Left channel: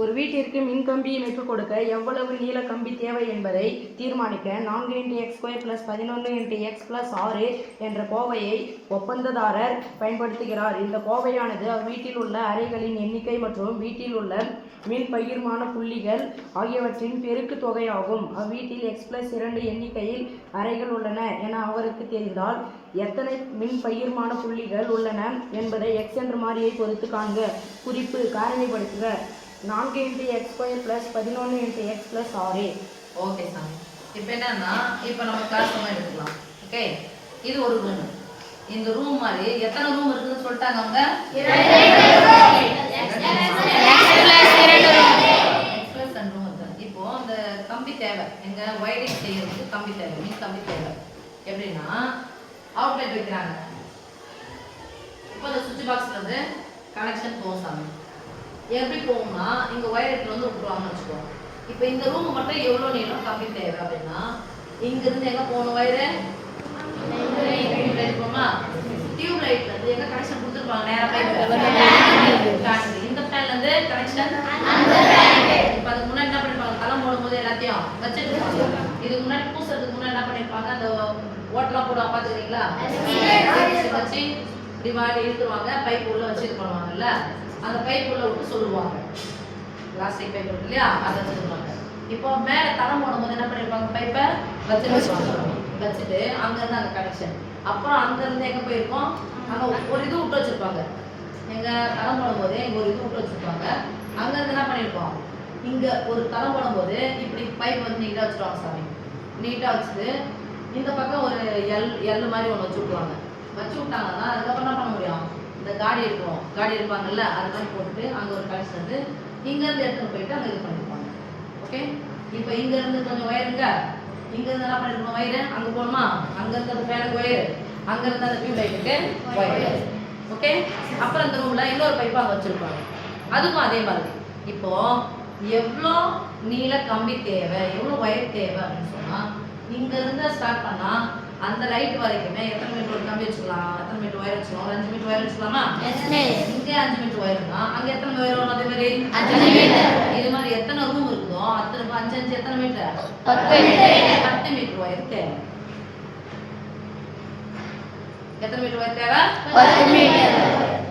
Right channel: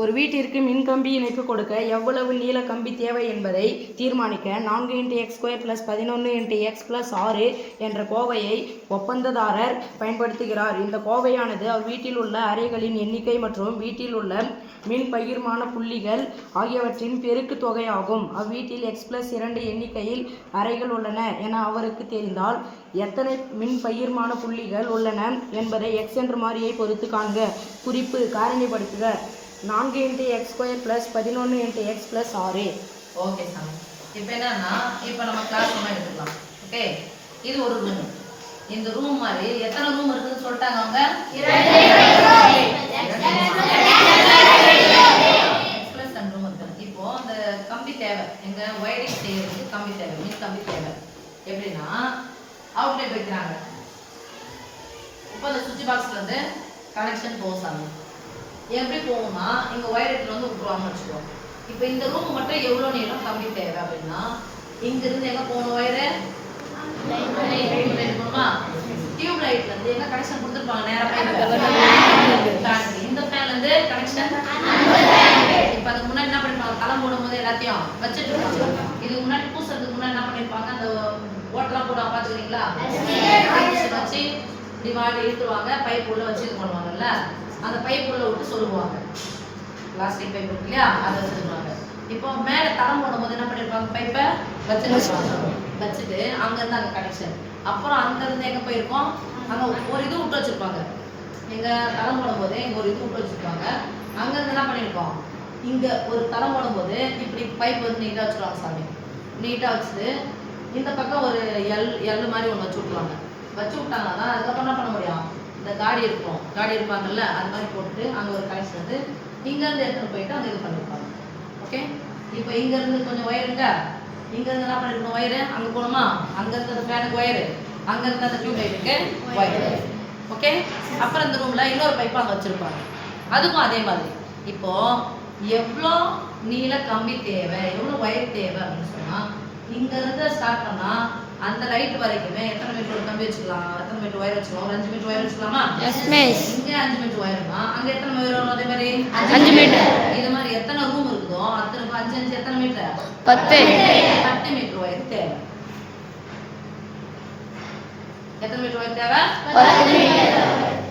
ஒரு வீட்டிற்கு மின்கம்பி இணைப்பு கொடுக்க எவ்வளவு நீள கம்பி தேவை என்பதை தீர்மானிக்க 4x² + 11x + 6 என்ற கோவையை ஒப்பந்ததாரர் பயன்படுத்துகிறார். இந்த கோவையானது அவ்வீட்டில் உள்ள அறைகளின் எண்ணிக்கை மற்றும் வீட்டில் உள்ள மின் பகிர்மான புள்ளிகள் ஆகியவற்றின் பெருக்கு தொகையாகும். அவ்வீட்டில் x+2 எண்ணிக்கையில் அறைகள் உள்ளன என அவருக்கு தெரிந்தால் எத்தனை மின் பகிர்மான புள்ளிகள் உள்ளன என்பதை x என்ற மாறியை பொறுத்து காண்க. குறிப்பு: காரணிப்படுத்துக. 4x² + 11x + 6. ஓகே சாமி. இப்போ என்னன்னா, இப்போ நம்ம கிளாஸ் ரூம் எடுத்துக்கலாம். ஓகே, இது ஒரு ரூம். இந்த ரூம் மாதிரி எத்தனை ரூம் இருக்குன்னு சொல்லிட்டாங்க அவங்க? 2 ரூம் இருக்கு. இப்போ அந்த கம்பி தேவை, எங்க ஒயரிங் செய்யறதுக்கு கம்பி தேவை, மின் கம்பி தேவை. எப்படின்னா அவுட்லெட் வைக்கிறாங்க. இப்போ அந்த சுவிட்ச் பாக்ஸ்ல இருந்து கனெக்ஷன் போகும் சாமி. எப்படி போகும்னா, இங்க ஒயர் எடுத்து வந்து விட்டுருவாங்கன்னு வச்சுக்கோ. இப்போ இந்த ரூம் மட்டும் எவ்வளோ நீளம் கம்பி தேவை அப்படின்னா, இங்க இருந்து எங்க போகணும் ஒயரு? லைட் போகணுமா? டியூப் லைட்ல இருந்து எங்க கனெக்ஷன் கொடுத்துருப்பாங்க? நேரா இந்த ஃபேன்ல இருந்து கனெக்ஷன். இப்போ அதுக்கு முன்னாடி என்ன பண்ணிருப்பாங்க? தளம் போடும்போது எல்லாத்தையும் வச்சுட்டு இருப்பாங்க. இதுக்கு முன்னாடி பூசுறதுக்கு முன்னாடி என்ன பண்ணிருப்பாங்க? அந்த ஓட்டெல்லாம் போடுவாங்க, பாத்துக்கிறீங்களா? வச்சு இப்படி மாதிரி இழுத்துருவாங்க, பைப் உள்ள வச்சு இது பண்ணுவாங்கல்ல, அந்த பைப் உள்ள விட்டு சொல்லுவாங்க. பிளாஸ்டிக் பைப் இருக்கு இல்லையா, அதை வச்சுருவாங்க. இப்போ மேலே தளம் போடும்போது என்ன பண்ணிருப்பாங்க? பைப்பை வச்சுட்டு அங்கேருந்து அங்கே கனெக்ஷன். அப்புறம் அங்கேருந்து எங்கே போயிருக்கோம்? அங்கே ஒரு இது விட்டு வச்சுருப்பாங்க. எங்கள் தளம் போடும்போது இங்கே ஒரு இது விட்டு வச்சுருப்பாங்க. அங்கேருந்து என்ன பண்ணியிருக்கோம்? இங்கே ஒரு தளம் போடும்போது இப்படி பைப் வந்து நீட்டாக வச்சுருவாங்க சாமி. நீட்டாக வச்சுட்டு இந்த பக்கம் ஒரு எல் மாதிரி ஒன்று வச்சு விட்ருவாங்க. வச்சு விட்டாங்கன்னா அதுக்கப்புறம் என்ன பண்ண முடியும்? இந்த காடி இருக்கும், காடி இருப்பாங்கல்ல, அது மாதிரி போட்டு அங்கே ஒரு கனெக்ஷன் வந்து இங்கேருந்து எடுத்துகிட்டு போயிட்டு அங்கே இது பண்ணியிருப்பாங்க. ஓகே, இப்போ இங்கேருந்து கொஞ்சம் ஒயருங்க, இங்கேருந்து என்ன பண்ணிருக்கணும்? ஒயரு அங்கே போகணுமா? அங்கேருந்து அந்த ஃபேனுக்கு ஒயரு, அங்கேருந்து அந்த டியூப் லைட்டுக்கு ஒயரு. ஓகே, அப்புறம் இந்த ரூமில் இன்னொரு பைப்பு அங்கே வச்சுருப்பாங்க. அதுக்கும் அதே மாதிரி. இப்போ எவ்வளோ நீள கம்பி தேவை, எவ்வளோ ஒயர் தேவை அப்படின்னு சொன்னால், இங்கேருந்து ஸ்டார்ட் பண்ணால் அந்த லைட் வரைக்குமே எத்தனை மீட்டர் ஒரு கம்பி வச்சுக்கலாம்? எத்தனை மீட்டர் ஒயர் வச்சுக்கலாம்? ஒரு 5 மீட்டர் ஒயர் வச்சுக்கலாமா? இங்கே 5 மீட்டர் ஒயர்னா அங்கே எத்தனை ஒயர் வரும்? அதே மாதிரி 5 மீட்டர். இது மாதிரி எத்தனை ரூம் இருக்குதோ அத்தனை 5 5 எத்தனை மீட்டர்? 10 மீட்டர் ஒயர் தேவை. எத்தனை மீட்டர் ஒயர் தேவை? 10 மீட்டர்.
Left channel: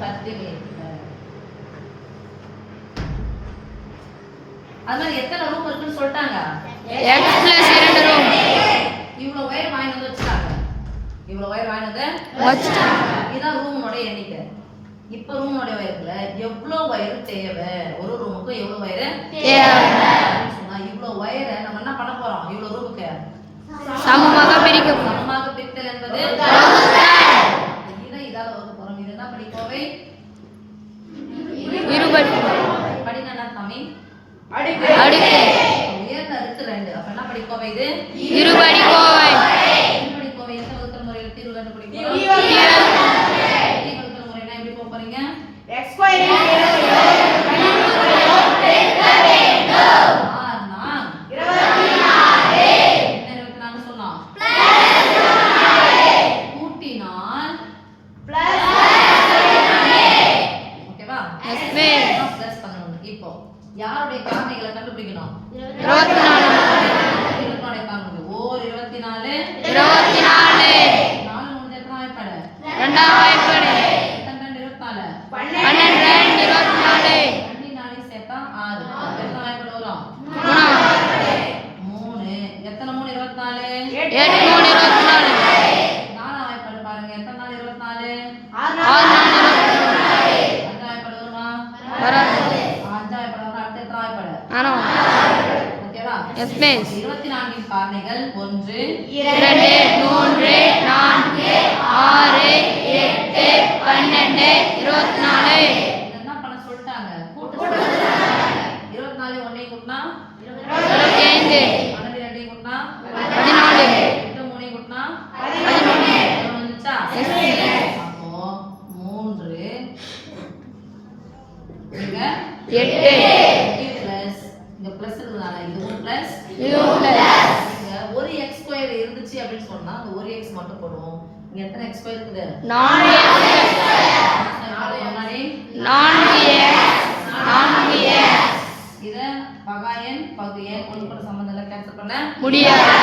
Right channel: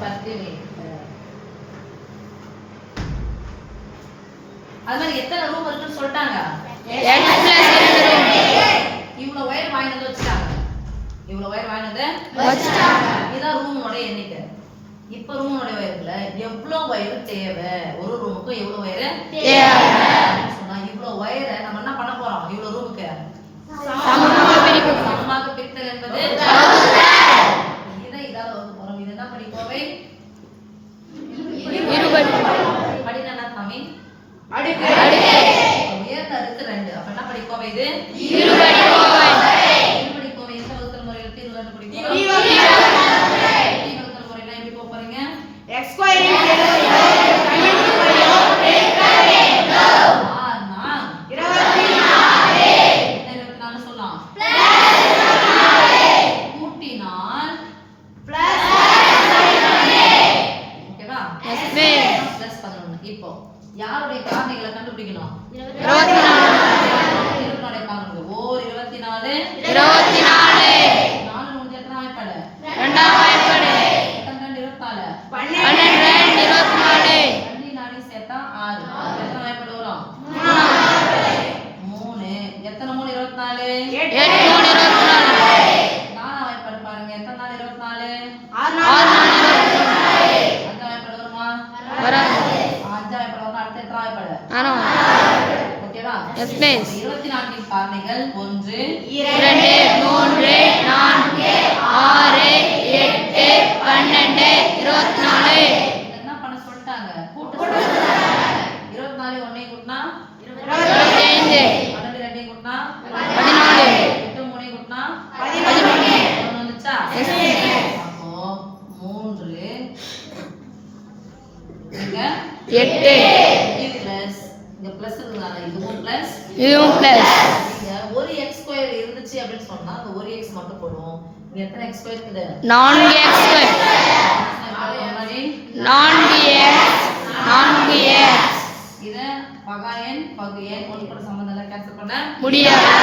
10 மீட்டர். அது மாதிரி எத்தனை ரூம் இருக்குன்னு சொல்லிட்டாங்க? இவ்வளோ ஒயர் வாங்கி வந்து வச்சுட்டாங்க. இவ்வளோ ஒயர் வாங்கி வந்து வச்சுட்டாங்க. இதுதான் ரூமோட எண்ணிக்கை. இப்போ ரூமோட ஒயர்ல எவ்வளோ ஒயர் தேவை? ஒரு ரூமுக்கு எவ்வளோ ஒயர் தேவை சொன்னா, இவ்வளோ ஒயரை நம்ம என்ன பண்ண போறோம்? இவ்வளோ ரூமுக்கு சமமாக பிரித்தல் என்பது இதை இதால வகுக்க போறோம். இது என்ன படிக்கோவை? படினா என்ன சாமி? உயர்ந்த அடுக்கு 2. அப்ப என்ன படிக்கோவை? இது இருபடிக்கோவை. இருபடிக்கோவை எந்த வகுத்தல் முறையில் தீர்வு கண்டுபிடிக்கிறோம்? வகுத்தல் முறையில எப்படி போக போறீங்க? x² இப்போ யாருடைய காரணிகளை கண்டுபிடிக்கணும்? 24 காரணிகள். ஓர் 24 4 முடிஞ்ச எத்தனை வாய்ப்பாடு? 2ஆம் வாய்ப்பாடு. 12 24 2 4 சேர்த்தா 6. எத்தனை வாய்ப்பாடு வரும்? 3. எத்தனை 3 24? 8 3 24. 4ஆம் வாய்ப்பாடு பாருங்க. எத்தனை 4 24? 6 4 24. 5ஆம் வாய்ப்பாடு வருமா? வராது. 5ஆம் வாய்ப்பாடு வந்தா அடுத்து எத்தனை வாய்ப்பாடு? 6. ஓகேவா? Yes miss. 24 காரணிகள் 1 2 3 4 6 8 12 24. என்ன பண்ண சொல்லிட்டாங்க? கூட்ட சொல்லிட்டாங்க. 24 ஒன்னையும் கூட்டினா 25. 12 ரெண்டையும் கூட்டினா 14. 8 மூணையும் கூட்டினா 11. வந்துச்சா? அப்போ 3 இங்க 8 இது பிளஸ் இங்க பிளஸ் இருக்குதானா? இதுவும் பிளஸ் இங்க ஒரு x² இருந்துச்சு அப்படின்னு சொன்னா அந்த ஒரு x மட்டும் போடுவோம். இங்க எத்தனை x² இருக்குது? 4x. பகா எண் பகு எண் ஒன்று கூட சம்பந்தம் இல்லை கேன்சல் பண்ண முடியாது.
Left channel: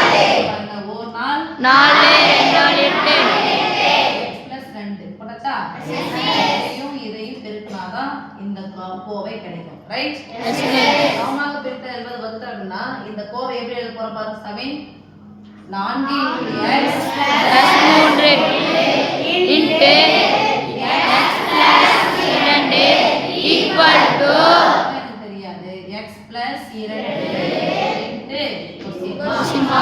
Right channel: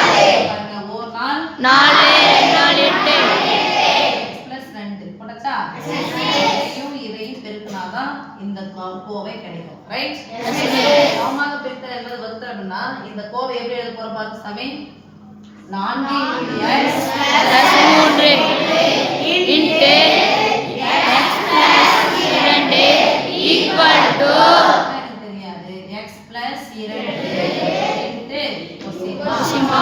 பாருங்க ஒரு நாள் 4 2 நாள் 8 x plus 2 போட்டாச்சா இதையும் பெருக்கினாதான் இந்த கோவை கிடைக்கும் ரைட் சமமாக பெருக்கல் என்பது வகுத்தல் அப்படின்னா இந்த கோவை எப்படி எழுத போற பாருங்க சாமி 4 x plus 3 into x plus 2 equal to எனக்கு தெரியாது x plus 2 into சிமா.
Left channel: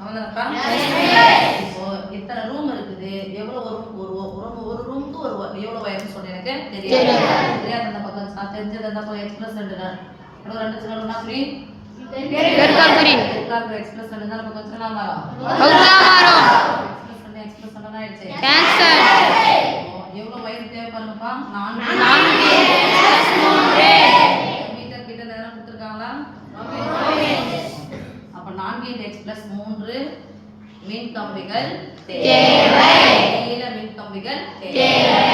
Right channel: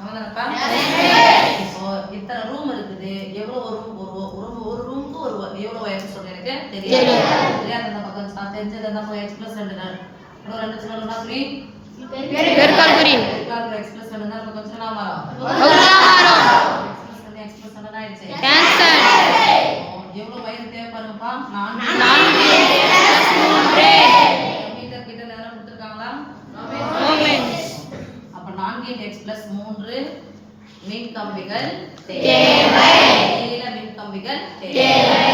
அவ்வளவுதான்ப்பா. இப்போ இத்தனை ரூம் இருக்குது எவ்வளவு ஒரு ரூமுக்கு எவ்வளவு வயசு சொல்றேன் எனக்கு தெரியாது தெரியாத அந்த பக்கம் தெரிஞ்சது அந்த பக்கம் x plus 2 2 சின்னதுனா புரி பெருக்கல் குறி x plus 2 அந்த பக்கம் சின்ன மாறும் வகுத்தலா மாறும். x plus 2 ஆயிடுச்சு கேன்சல். எவ்வளவு வயது தேவை பாருங்கப்பா 4 4 x plus 3 மீட்டர் கிட்ட நேரம் கொடுத்திருக்காங்களா ஓமென்ஸ். அப்ப 4 x plus 3 மின் கம்பிகள் தேவை. நீள மின் கம்பிகள் தேவை.